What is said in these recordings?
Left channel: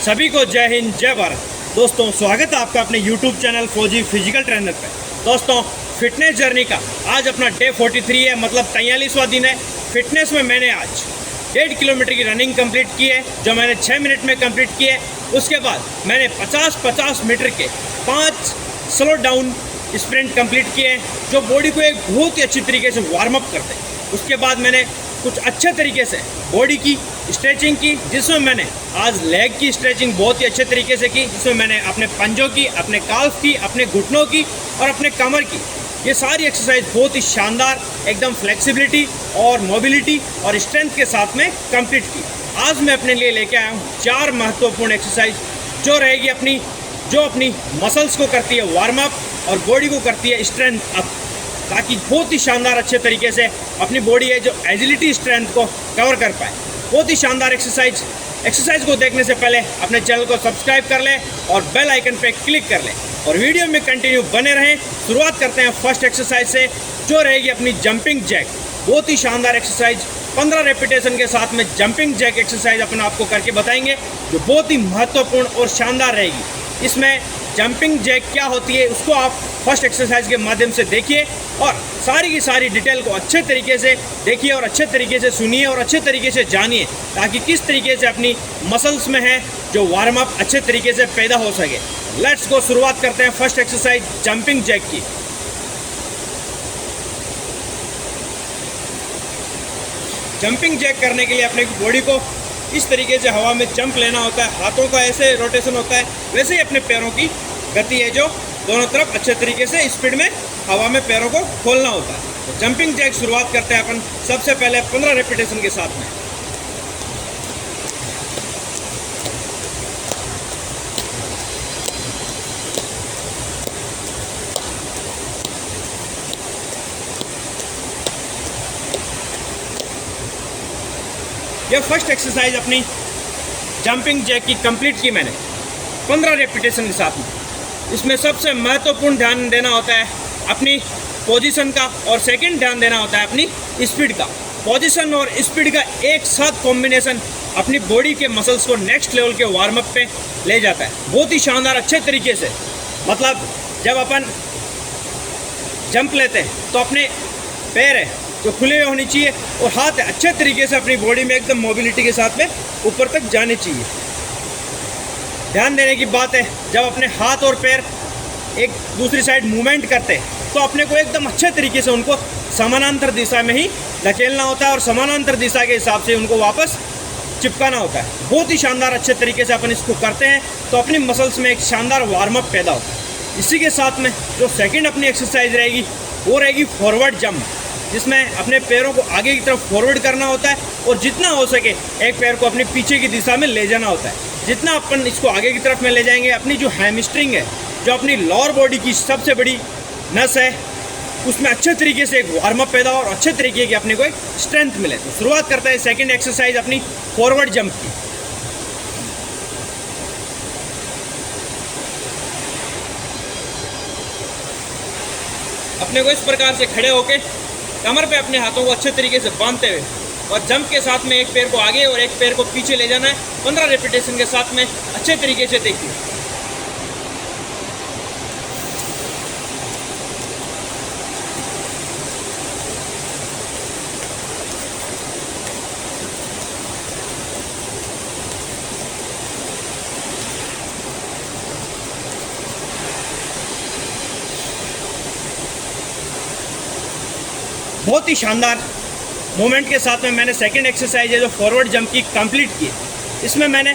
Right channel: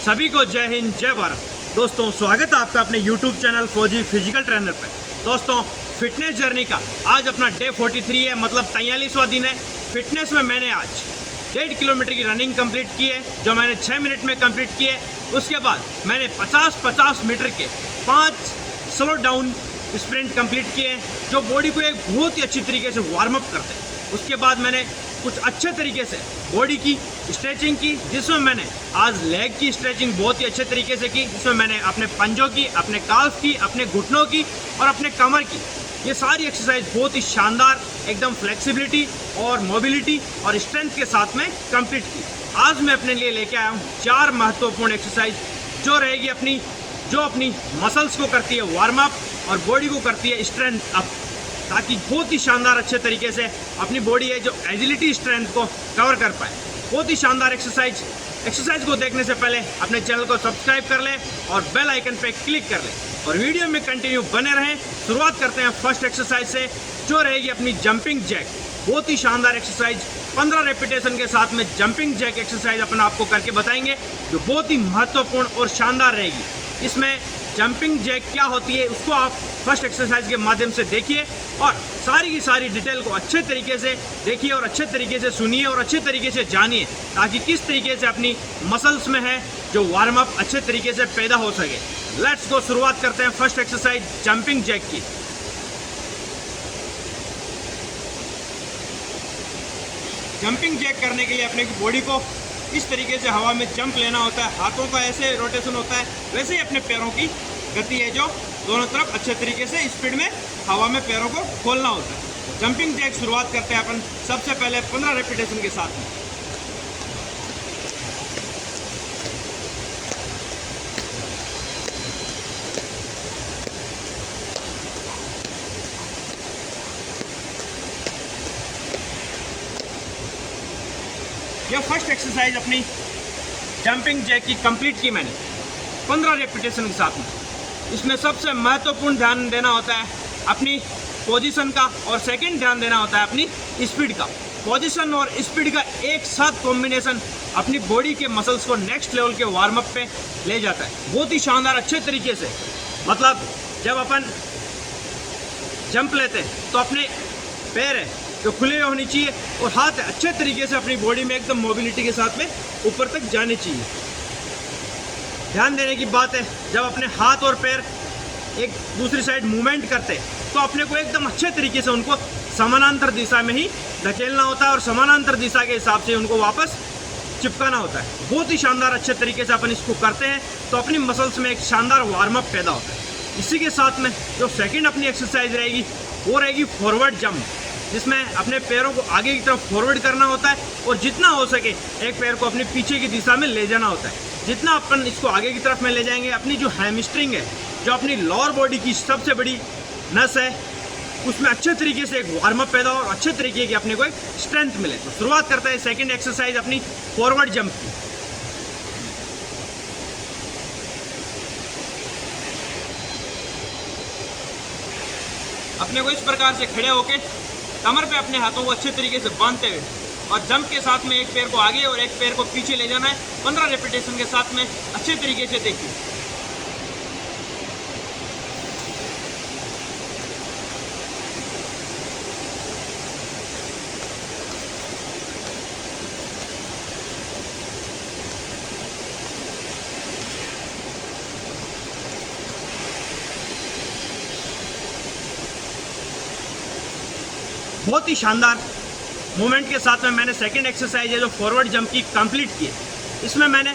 सभी को जय हिंद जय भारत। दोस्तों स्वागत है आपका अपने YouTube चैनल फौजी फिजिकल ट्रेनर पे। दोस्तों फिटनेस जर्नी का आज अपना डे 43 है, मतलब 43वां दिन है। फिटनेस में मैंने आज 1.5 किलोमीटर की रनिंग कंप्लीट की है, जो मैंने 6 मिनट में कंप्लीट की है। उसके बाद मैंने 50-50 मीटर के 5 स्लो डाउन स्प्रिंट कंप्लीट किए हैं, जो बॉडी को एक बहुत ही अच्छी तरीके से वार्म अप करते हैं। उसके बाद मैंने कुछ अच्छे तरीके से बॉडी की स्ट्रेचिंग की, जिसमें मैंने आज लेग की स्ट्रेचिंग बहुत ही अच्छे तरीके से की, जिसमें मैंने अपने पंजों की, अपने काल्फ की, अपने घुटनों की और अपने कमर की, ये सारी एक्सरसाइज बहुत ही शानदार एकदम फ्लेक्सिबिलिटी और मोबिलिटी और स्ट्रेंथ के साथ में कंप्लीट की। आज मैं अपने लिए लेके आया हूँ 4 महत्वपूर्ण एक्सरसाइज, जो रहेगी अपनी मसल्स को करती है वार्म अप और बॉडी को करती है स्ट्रेंथ अप, ताकि बहुत ही शानदार अच्छे तरीके से अपनी बॉडी है जो एजिलिटी स्ट्रेंथ को कवर कर पाए। बहुत ही शानदार एक्सरसाइज को देखने से पहले अपने चैनल को सब्सक्राइब कर ले और बेल आइकन पे क्लिक कर ले और वीडियो में कंटिन्यू बने रहें। शुरुआत करते हैं फर्स्ट एक्सरसाइज से, जो रहेगी अपनी जंपिंग जैक। बहुत ही शानदार एक्सरसाइज, 15 रेपिटेशन के साथ में जंपिंग जैक एक्सरसाइज अपन आपको करके बताएंगे, जो बहुत ही महत्वपूर्ण और शानदार रहेगी। इसमें जंपिंग जैक क्या होती है उसको आप फर्स्ट एक्सरसाइज के माध्यम से देखिए और सारी की सारी डिटेल को अच्छे तरीके से देखिए और अच्छे तरीके से सुनिए और अच्छे तरीके से जानिए, ताकि किस तरीके से अपनी मसल्स में है जो वार्म अप अच्छे तरीके से पैदा हो सके। लेट्स गो, शुरुआत करते हैं फर्स्ट एक्सरसाइज जंपिंग जैक की। जंपिंग जैक करने के लिए अपने बॉडी को इस तरीके से हवा में जंप लेना होता है, हाथों का ऐसे रोटेशन होता है, वैसे ही अपने पैरों की गति है जो दोनों तरफ अच्छे तरीके से स्पीड में हवा में पैरों को खोलना होता है। तो जंपिंग जैक शुरुआत करते हैं अपन सबसे पहले 15 रेपिटेशन के साथ में। यह फर्स्ट एक्सरसाइज अपनी जंपिंग जैक की कंप्लीट की मैंने 15 रेपिटेशन के साथ में। इसमें सबसे महत्वपूर्ण ध्यान देना होता है अपनी पोजीशन का, और सेकंड ध्यान देना होता है अपनी स्पीड का। पोजीशन और स्पीड का एक साथ कॉम्बिनेशन अपनी बॉडी के मसल्स को नेक्स्ट लेवल के वार्म अप पे ले जाता है बहुत ही शानदार अच्छे तरीके से। मतलब जब अपन जंप लेते हैं तो अपने पैर है जो खुले हुए होने चाहिए और हाथ अच्छे तरीके से अपनी बॉडी में एकदम मोबिलिटी के साथ में ऊपर तक जाने चाहिए। ध्यान देने की बात है, जब अपने हाथ और पैर एक दूसरी साइड मूवमेंट करते हैं तो अपने को एकदम अच्छे तरीके से उनको समानांतर दिशा में ही धकेलना होता है और समानांतर दिशा के हिसाब से उनको वापस चिपकाना होता है। बहुत ही शानदार अच्छे तरीके से अपन इसको करते हैं तो अपनी मसल्स में एक शानदार वार्म अप पैदा होता है। इसी के साथ में जो सेकंड अपनी एक्सरसाइज रहेगी वो रहेगी फॉरवर्ड जंप, जिसमें अपने पैरों को आगे की तरफ फॉरवर्ड करना होता है और जितना हो सके एक पैर को अपने पीछे की दिशा में ले जाना होता है। जितना अपन इसको आगे की तरफ में ले जाएंगे, अपनी जो हैमस्ट्रिंग है, जो अपनी लोअर बॉडी की सबसे बड़ी नस है, उसमें अच्छे तरीके से एक वार्म अप पैदा हो और अच्छे तरीके की अपने को एक स्ट्रेंथ मिले। तो शुरुआत करते हैं सेकंड एक्सरसाइज अपनी फॉरवर्ड जंप की। अपने को इस प्रकार से खड़े होके कमर पे अपने हाथों को अच्छे तरीके से बांधते हुए और जंप के साथ में एक पैर को आगे और एक पैर को पीछे ले जाना है 15 रेपिटेशन के साथ में। अच्छे तरीके से देखिए। बहुत ही शानदार मूवमेंट के साथ में मैंने सेकंड एक्सरसाइज है जो फॉरवर्ड जंप की कंप्लीट की है। इसमें मैंने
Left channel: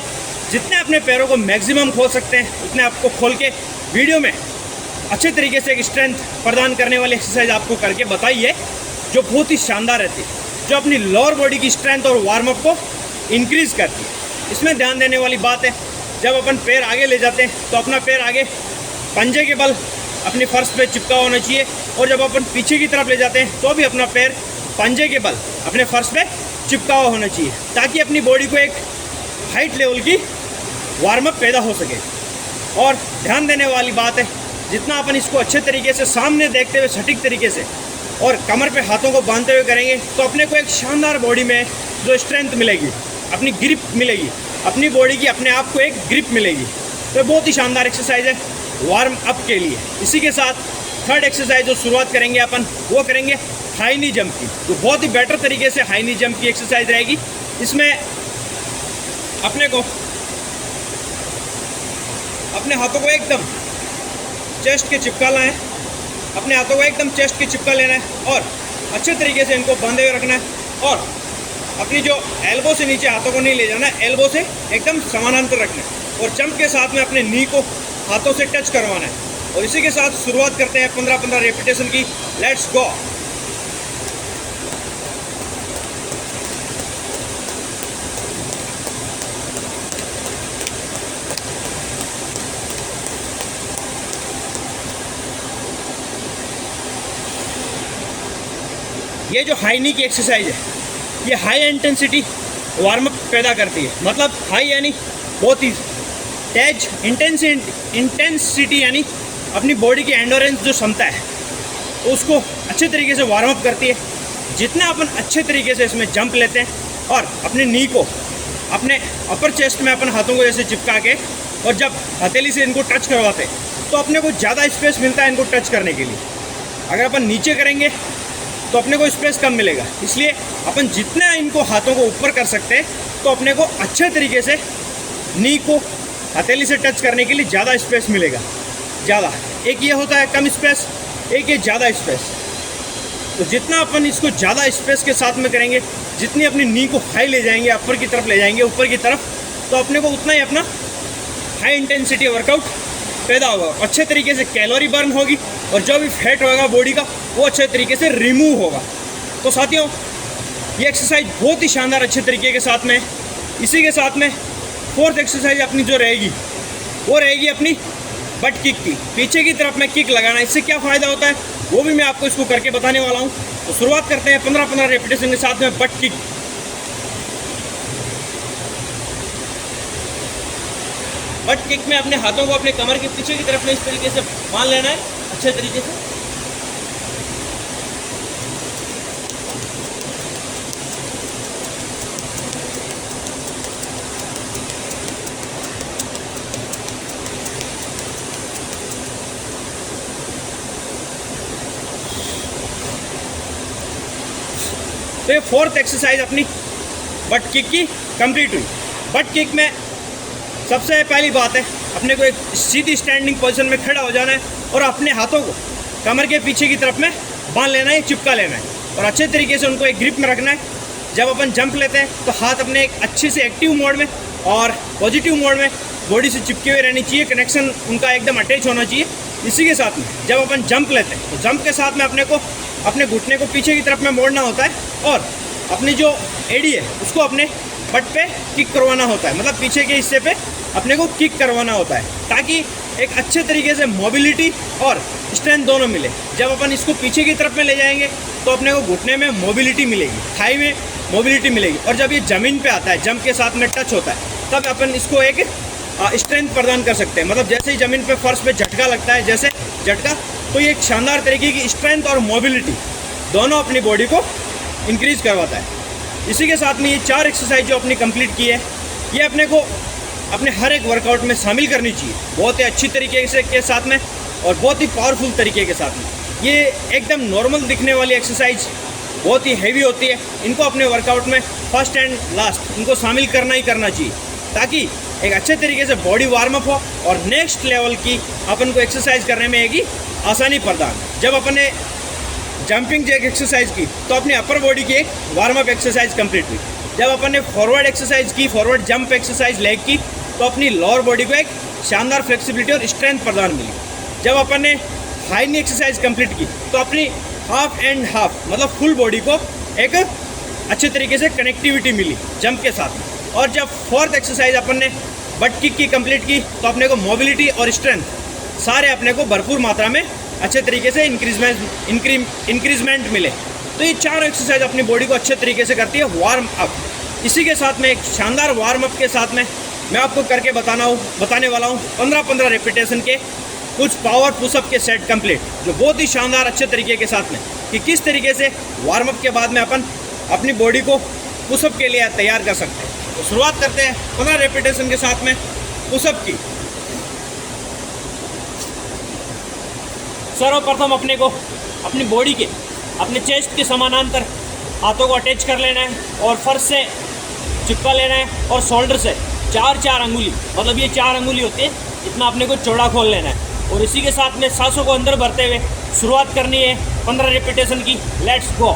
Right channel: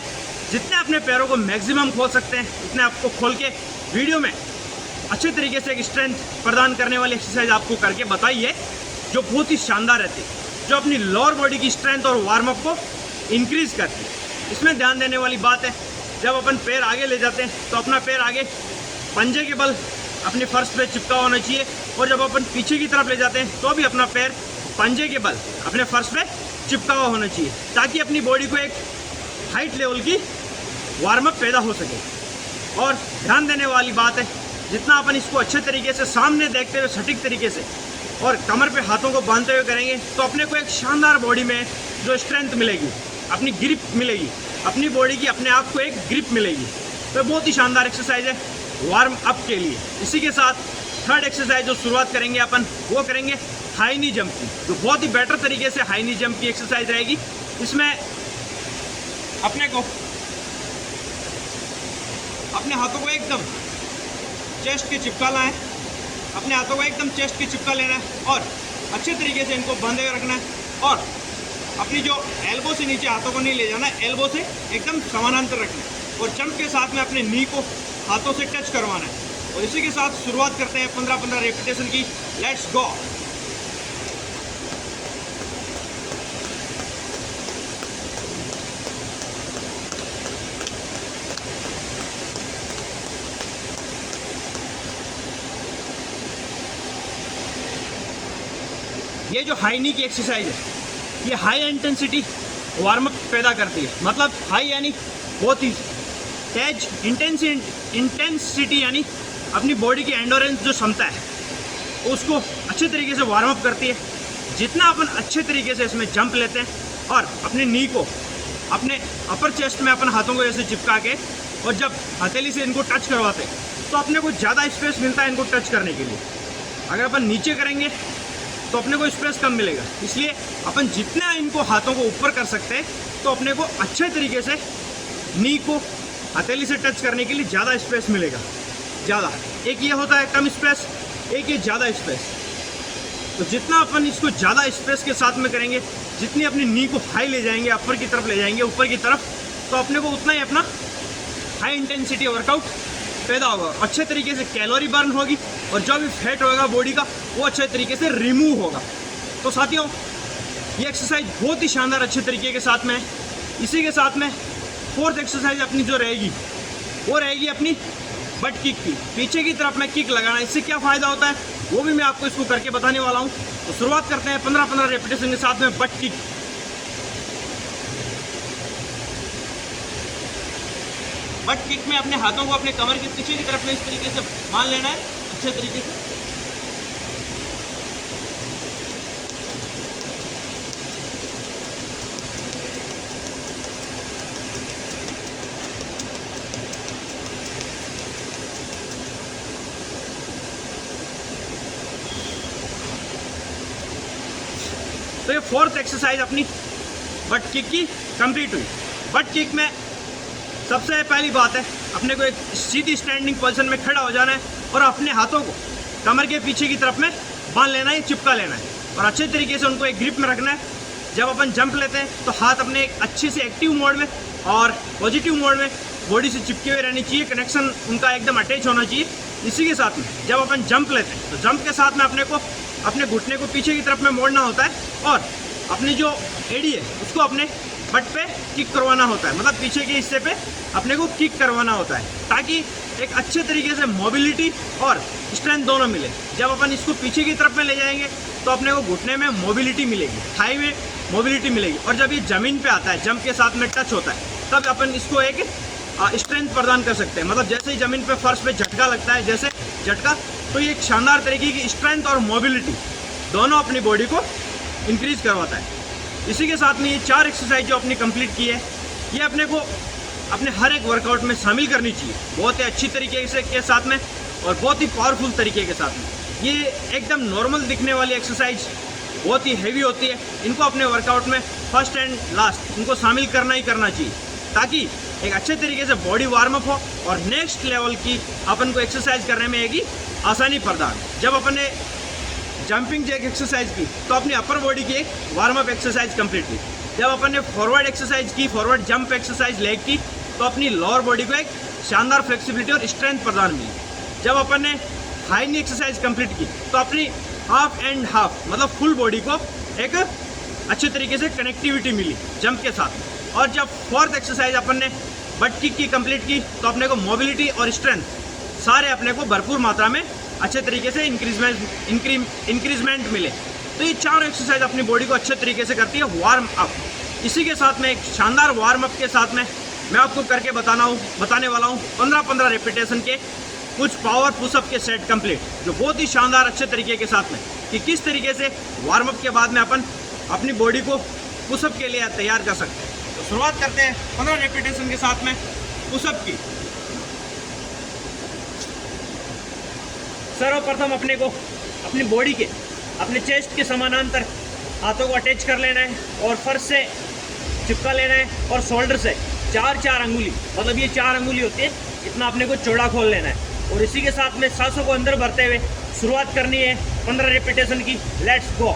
जितने अपने पैरों को मैक्सिमम खोल सकते हैं उतने आपको खोल के वीडियो में अच्छे तरीके से एक स्ट्रेंथ प्रदान करने वाली एक्सरसाइज आपको करके बताई है, जो बहुत ही शानदार रहती है, जो अपनी लोअर बॉडी की स्ट्रेंथ और वार्म अप को इंक्रीज करती है। इसमें ध्यान देने वाली बात है, जब अपन पैर आगे ले जाते हैं तो अपना पैर आगे पंजे के बल अपनी फर्श पे चिपका होना चाहिए, और जब अपन पीछे की तरफ ले जाते हैं तो भी अपना पैर पंजे के बल अपने फर्श पे चिपका हुआ होना चाहिए, ताकि अपनी बॉडी को एक हाइट लेवल की वार्म अप पैदा हो सके। और ध्यान देने वाली बात है, जितना अपन इसको अच्छे तरीके से सामने देखते हुए सटीक तरीके से और कमर पे हाथों को बांधते हुए करेंगे तो अपने को एक शानदार बॉडी में जो स्ट्रेंथ मिलेगी, अपनी ग्रिप मिलेगी अपनी बॉडी की अपने आप को एक ग्रिप मिलेगी। तो बहुत ही शानदार एक्सरसाइज है वार्म अप के लिए। इसी के साथ थर्ड एक्सरसाइज जो शुरुआत करेंगे अपन, वो करेंगे हाई नी जंप की, जो बहुत ही बेटर तरीके से हाई नी जंप की एक्सरसाइज रहेगी। इसमें अपने को अपने हाथों को एकदम चेस्ट के चिपका है, अपने हाथों को एकदम चेस्ट के चिपका लेना है और अच्छे तरीके से इनको बांधे हुए रखना है और अपनी जो एल्बो से नीचे हाथों को नहीं ले जाना है, एल्बो से एकदम समानांतर रखना है और जंप के साथ में अपने नी को हाथों से टच करवाना है। और इसी के साथ शुरुआत करते हैं 15-15 रेपिटेशन की। Let's go. ये जो हाई नी की एक्सरसाइज है, ये हाई इंटेंसिटी वार्म अप पैदा करती है। मतलब हाई यानी बहुत ही तेज, इंटेंसिटी यानी अपनी बॉडी की एंडोरेंस जो क्षमता है उसको अच्छे तरीके से वार्म अप करती है। जितना अपन अच्छे तरीके से इसमें जंप लेते हैं और अपने नी को अपने अपर चेस्ट में अपन हाथों को जैसे चिपका के और जब हथेली से इनको टच करवाते हैं तो अपने को ज़्यादा स्पेस मिलता है इनको टच करने के लिए। अगर अपन नीचे करेंगे तो अपने को स्पेस कम मिलेगा। इसलिए अपन जितना इनको हाथों को ऊपर कर सकते हैं तो अपने को अच्छे तरीके से नी को हथेली से टच करने के लिए ज़्यादा स्पेस मिलेगा। ज़्यादा एक ये होता है कम स्पेस, एक ये ज़्यादा स्पेस। तो जितना अपन इसको ज़्यादा स्पेस के साथ में करेंगे, जितनी अपनी नी को हाई ले जाएंगे, अपर की तरफ ले जाएंगे, ऊपर की तरफ, तो अपने को उतना ही अपना हाई इंटेंसिटी वर्कआउट पैदा होगा। अच्छे तरीके से कैलोरी बर्न होगी और जो भी फैट होगा बॉडी का वो अच्छे तरीके से रिमूव होगा। तो साथियों, ये एक्सरसाइज बहुत ही शानदार अच्छे तरीके के साथ में। इसी के साथ में फोर्थ एक्सरसाइज अपनी जो रहेगी वो रहेगी अपनी बट किक की। पीछे की तरफ में किक लगाना, इससे क्या फ़ायदा होता है वो भी मैं आपको इसको करके बताने वाला हूँ। तो शुरुआत करते हैं 15-15 रेपिटेशन के साथ में बट किक। बट किक में अपने हाथों को अपने कमर के पीछे की तरफ में इस तरीके से बांध लेना है अच्छे तरीके से। तो ये फोर्थ एक्सरसाइज अपनी बट किक की कंप्लीट हुई। बट किक में सबसे पहली बात है अपने को एक सीधी स्टैंडिंग पोजीशन में खड़ा हो जाना है और अपने हाथों को कमर के पीछे की तरफ में बांध लेना है, चिपका लेना है और अच्छे तरीके से उनको एक ग्रिप में रखना है। जब अपन जंप लेते हैं तो हाथ अपने एक अच्छे से एक्टिव मोड में और पॉजिटिव मोड में बॉडी से चिपके हुए रहनी चाहिए, कनेक्शन उनका एकदम अटैच होना चाहिए। इसी के साथ में जब अपन जंप लेते हैं तो जंप के साथ में अपने को अपने घुटने को पीछे की तरफ में मोड़ना होता है और अपनी जो एडी है उसको अपने बट पे किक करवाना होता है। मतलब पीछे के हिस्से पे अपने को किक करवाना होता है ताकि एक अच्छे तरीके से मोबिलिटी और स्ट्रेंथ दोनों मिले। जब अपन इसको पीछे की तरफ में ले जाएंगे तो अपने को घुटने में मोबिलिटी मिलेगी, थाई में मोबिलिटी मिलेगी और जब ये ज़मीन पे आता है, जंप के साथ में टच होता है, तब अपन इसको एक स्ट्रेंथ प्रदान कर सकते हैं। मतलब जैसे ही ज़मीन पे फर्श पे झटका लगता है, जैसे झटका, तो ये एक शानदार तरीके की स्ट्रेंथ और मोबिलिटी दोनों अपनी बॉडी को इंक्रीज करवाता है। इसी के साथ में ये 4 एक्सरसाइज जो अपनी कंप्लीट की है, ये अपने को अपने हर एक वर्कआउट में शामिल करनी चाहिए बहुत ही अच्छी तरीके से के साथ में और बहुत ही पावरफुल तरीके के साथ में। ये एकदम नॉर्मल दिखने वाली एक्सरसाइज बहुत ही हैवी होती है। इनको अपने वर्कआउट में फर्स्ट एंड लास्ट इनको शामिल करना ही करना चाहिए ताकि एक अच्छे तरीके से बॉडी वार्म अप हो और नेक्स्ट लेवल की अपन को एक्सरसाइज करने में एक आसानी प्रदान। जब अपन ने जंपिंग जैक एक्सरसाइज की तो अपनी अपर बॉडी की एक वार्म अप एक्सरसाइज कंप्लीट हुई। जब अपन ने फॉरवर्ड एक्सरसाइज की, फॉरवर्ड जंप एक्सरसाइज लेग की, तो अपनी लोअर बॉडी को एक शानदार फ्लेक्सिबिलिटी और स्ट्रेंथ प्रदान मिली। जब अपन ने हाई नी एक्सरसाइज कंप्लीट की तो अपनी हाफ एंड हाफ मतलब फुल बॉडी को एक अच्छे तरीके से कनेक्टिविटी मिली जंप के साथ। और जब फोर्थ एक्सरसाइज अपन ने बट किक की कंप्लीट की तो अपने को मोबिलिटी और स्ट्रेंथ सारे अपने को भरपूर मात्रा में अच्छे तरीके से इंक्रीजमेंट मिले। तो ये 4 एक्सरसाइज अपनी बॉडी को अच्छे तरीके से करती है वार्म अप। इसी के साथ में एक शानदार वार्म अप के साथ में मैं आपको करके बताने वाला हूँ 15-15 रेपिटेशन के कुछ पावर पुशअप के सेट कंप्लीट, जो बहुत ही शानदार अच्छे तरीके के साथ में कि किस तरीके से वार्म अप के बाद में अपन अपनी बॉडी को पुशअप के लिए तैयार कर सकते हैं। तो शुरुआत करते हैं 15 रेपिटेशन के साथ में पुशअप की। सर्वप्रथम अपने को अपनी बॉडी के अपने चेस्ट के समानांतर हाथों को अटैच कर लेना है और फर्श से चिपका लेना है और शोल्डर से 4 अंगुली, मतलब ये 4 अंगुली होती है, इतना अपने को चौड़ा खोल लेना है और इसी के साथ में सांसों को अंदर भरते हुए शुरुआत करनी है 15 रेपिटेशन की। Let's go.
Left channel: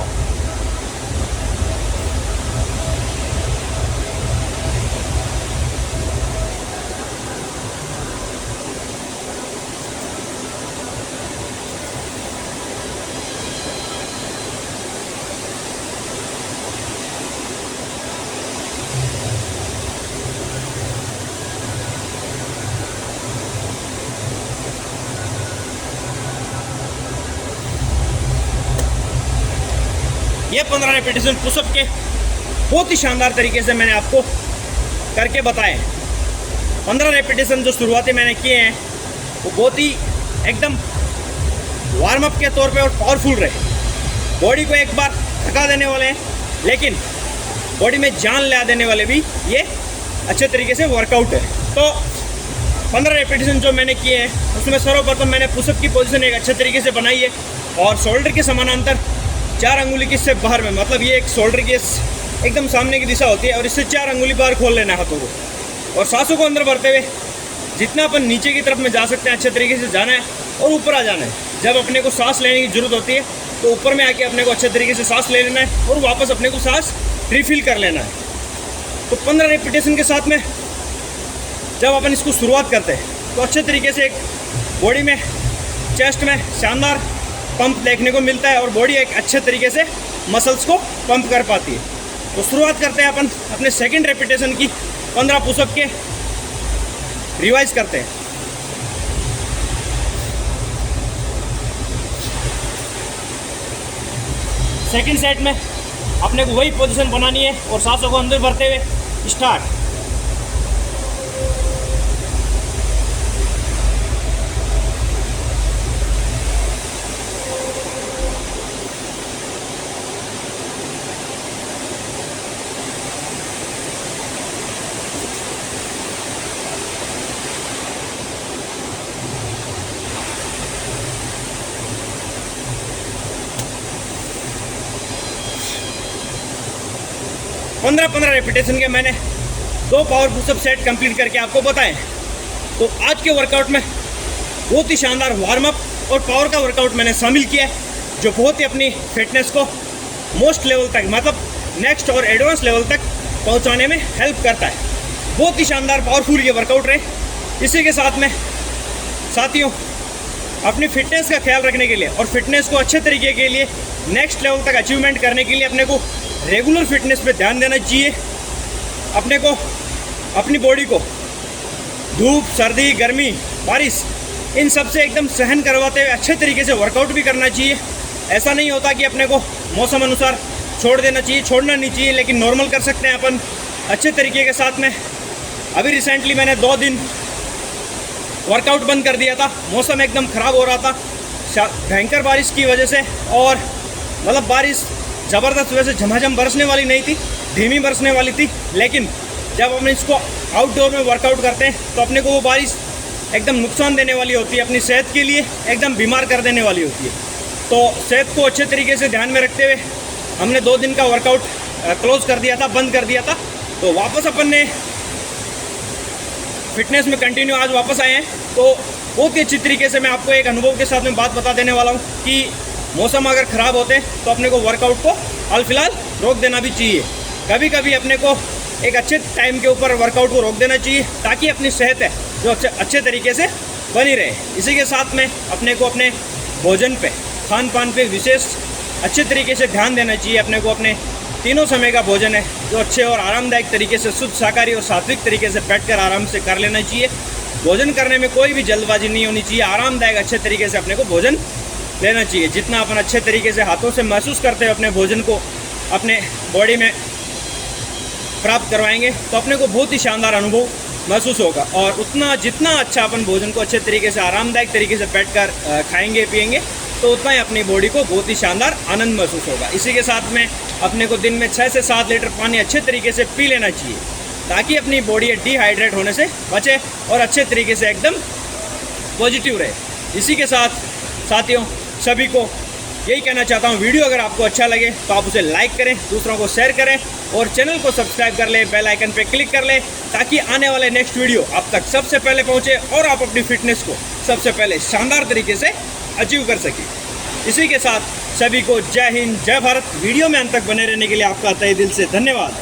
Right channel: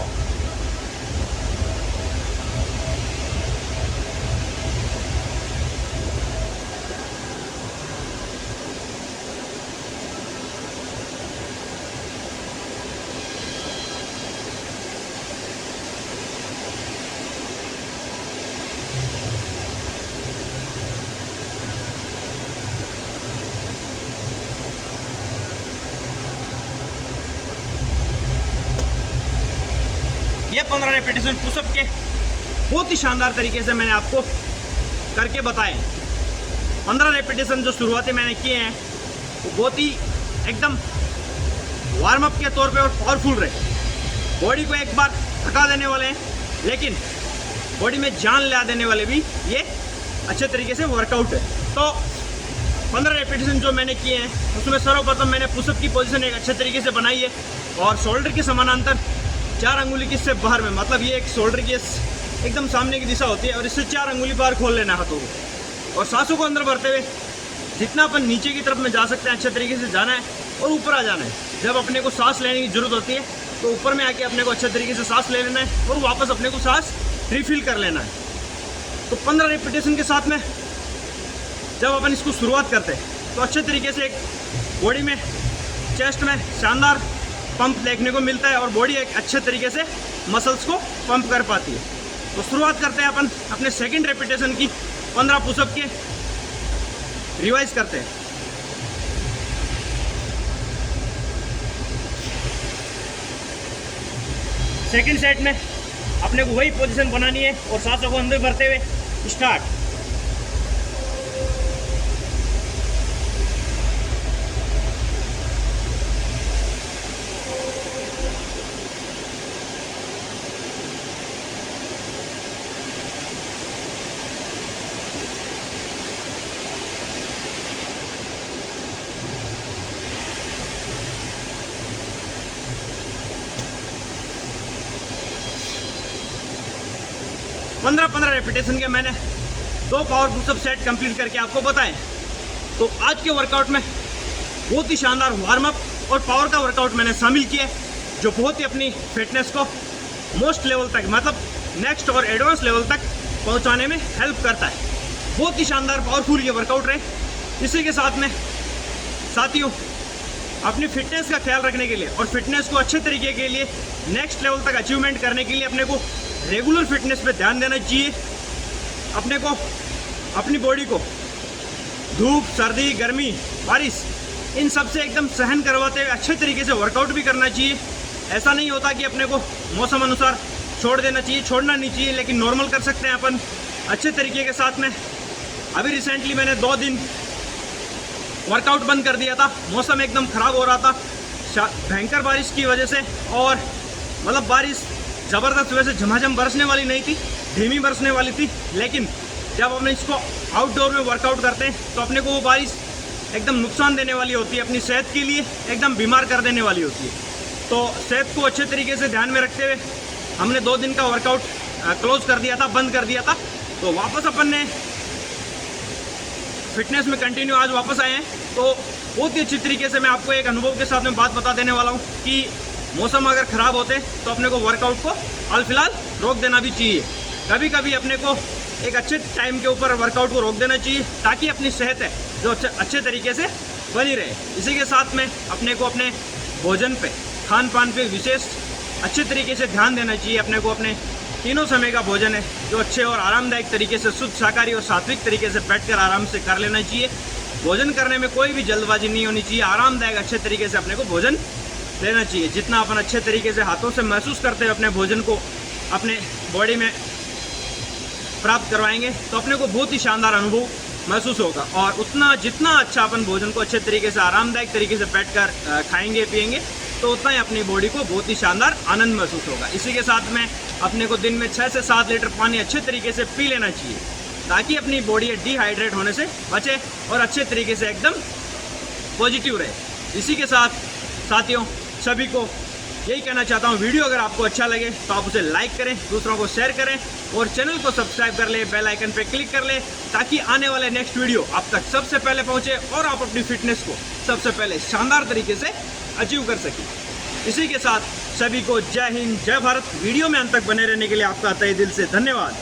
ये 15 रेपिटेशन पुशअप के बहुत ही शानदार तरीके से मैंने आपको करके बताए। 15 रेपिटेशन जो शुरुआती मैंने किए हैं वो बहुत ही एकदम वार्म अप के तौर पे और पावरफुल रहे। बॉडी को एक बार थका देने वाले हैं, लेकिन बॉडी में जान ला देने वाले भी ये अच्छे तरीके से वर्कआउट है। तो 15 रेपिटेशन जो मैंने किए हैं उसमें सर्वप्रथम मैंने पुशअप की पोजीशन एक अच्छे तरीके से बनाई है और शोल्डर के समानांतर 4 अंगुली की इससे बाहर में, मतलब ये एक शोल्डर की एकदम सामने की दिशा होती है और इससे 4 अंगुली बाहर खोल लेना है हाथों को और सांसों को अंदर भरते हुए जितना अपन नीचे की तरफ में जा सकते हैं अच्छे तरीके से जाना है और ऊपर आ जाना है। जब अपने को सांस लेने की ज़रूरत होती है तो ऊपर में आके अपने को अच्छे तरीके से सांस ले लेना है और वापस अपने को सांस रिफिल कर लेना है। तो 15 रेपिटेशन के साथ में जब अपन इसको शुरुआत करते हैं तो अच्छे तरीके से एक बॉडी में चेस्ट में शानदार पंप देखने को मिलता है और बॉडी एक अच्छे तरीके से मसल्स को पंप कर पाती है। तो शुरुआत करते हैं अपन अपने सेकंड रेपिटेशन की 15 पुशअप के। रिवाइज करते हैं। सेकंड सेट में अपने को वही पोजीशन बनानी है और सांसों को अंदर भरते हुए स्टार्ट। पंद्रह रेपिटेशन के मैंने 2 पावर पुशअप सेट कंप्लीट करके आपको बताएं। तो आज के वर्कआउट में बहुत ही शानदार वार्म अप और पावर का वर्कआउट मैंने शामिल किया है जो बहुत ही अपनी फिटनेस को मोस्ट लेवल तक, मतलब नेक्स्ट और एडवांस लेवल तक पहुंचाने में हेल्प करता है। बहुत ही शानदार पावरफुल ये वर्कआउट रहे। इसी के साथ में साथियों, अपनी फिटनेस का ख्याल रखने के लिए और फिटनेस को अच्छे तरीके के लिए नेक्स्ट लेवल तक अचीवमेंट करने के लिए अपने को रेगुलर फिटनेस पे ध्यान देना चाहिए। अपने को अपनी बॉडी को धूप, सर्दी, गर्मी, बारिश इन सब से एकदम सहन करवाते हुए अच्छे तरीके से वर्कआउट भी करना चाहिए। ऐसा नहीं होता कि अपने को मौसम अनुसार छोड़ देना चाहिए, छोड़ना नहीं चाहिए, लेकिन नॉर्मल कर सकते हैं अपन अच्छे तरीके के साथ में। अभी रिसेंटली मैंने 2 दिन वर्कआउट बंद कर दिया था। मौसम एकदम ख़राब हो रहा था भयंकर बारिश की वजह से, और मतलब बारिश ज़बरदस्त वैसे झमाझम बरसने वाली नहीं थी, धीमी बरसने वाली थी। लेकिन जब हम इसको आउटडोर में वर्कआउट करते हैं तो अपने को वो बारिश एकदम नुकसान देने वाली होती है, अपनी सेहत के लिए एकदम बीमार कर देने वाली होती है। तो सेहत को अच्छे तरीके से ध्यान में रखते हुए हमने 2 दिन का वर्कआउट क्लोज कर दिया था, बंद कर दिया था। तो वापस अपन ने फिटनेस में कंटिन्यू आज वापस आए हैं। तो बहुत ही अच्छी तरीके से मैं आपको एक अनुभव के साथ में बात बता देने वाला हूँ कि मौसम अगर ख़राब होते हैं तो अपने को वर्कआउट को हाल फिलहाल रोक देना भी चाहिए। कभी कभी अपने को एक अच्छे टाइम के ऊपर वर्कआउट को रोक देना चाहिए ताकि अपनी सेहत है जो अच्छे तरीके से बनी रहे। इसी के साथ में अपने को अपने भोजन पे, खान पान पे विशेष अच्छे तरीके से ध्यान देना चाहिए। अपने को अपने तीनों समय का भोजन है जो अच्छे और आरामदायक तरीके से शुद्ध शाकाहारी और सात्विक तरीके से बैठकर आराम से कर लेना चाहिए। भोजन करने में कोई भी जल्दबाजी नहीं होनी चाहिए, आरामदायक अच्छे तरीके से अपने को भोजन लेना चाहिए। जितना अपन अच्छे तरीके से हाथों से महसूस करते हैं अपने भोजन को अपने बॉडी में प्राप्त करवाएंगे तो अपने को बहुत ही शानदार अनुभव महसूस होगा, और उतना जितना अच्छा अपन भोजन को अच्छे तरीके से आरामदायक तरीके से बैठकर खाएंगे पिएंगे तो उतना ही अपनी बॉडी को बहुत ही शानदार आनंद महसूस होगा। इसी के साथ में अपने को दिन में 6 से 7 लीटर पानी अच्छे तरीके से पी लेना चाहिए। ताकि अपनी बॉडी डिहाइड्रेट होने से बचे और अच्छे तरीके से एकदम पॉजिटिव रहे। इसी के साथ साथियों सभी को यही कहना चाहता हूँ, वीडियो अगर आपको अच्छा लगे तो आप उसे लाइक करें, दूसरों को शेयर करें और चैनल को सब्सक्राइब कर लें, बेल आइकन पे क्लिक कर लें ताकि आने वाले नेक्स्ट वीडियो आप तक सबसे पहले पहुँचे और आप अपनी फिटनेस को सबसे पहले शानदार तरीके से अचीव कर सकें। इसी के साथ सभी को जय हिंद, जय भारत। वीडियो में अंत तक बने रहने के लिए आपका तहे दिल से धन्यवाद।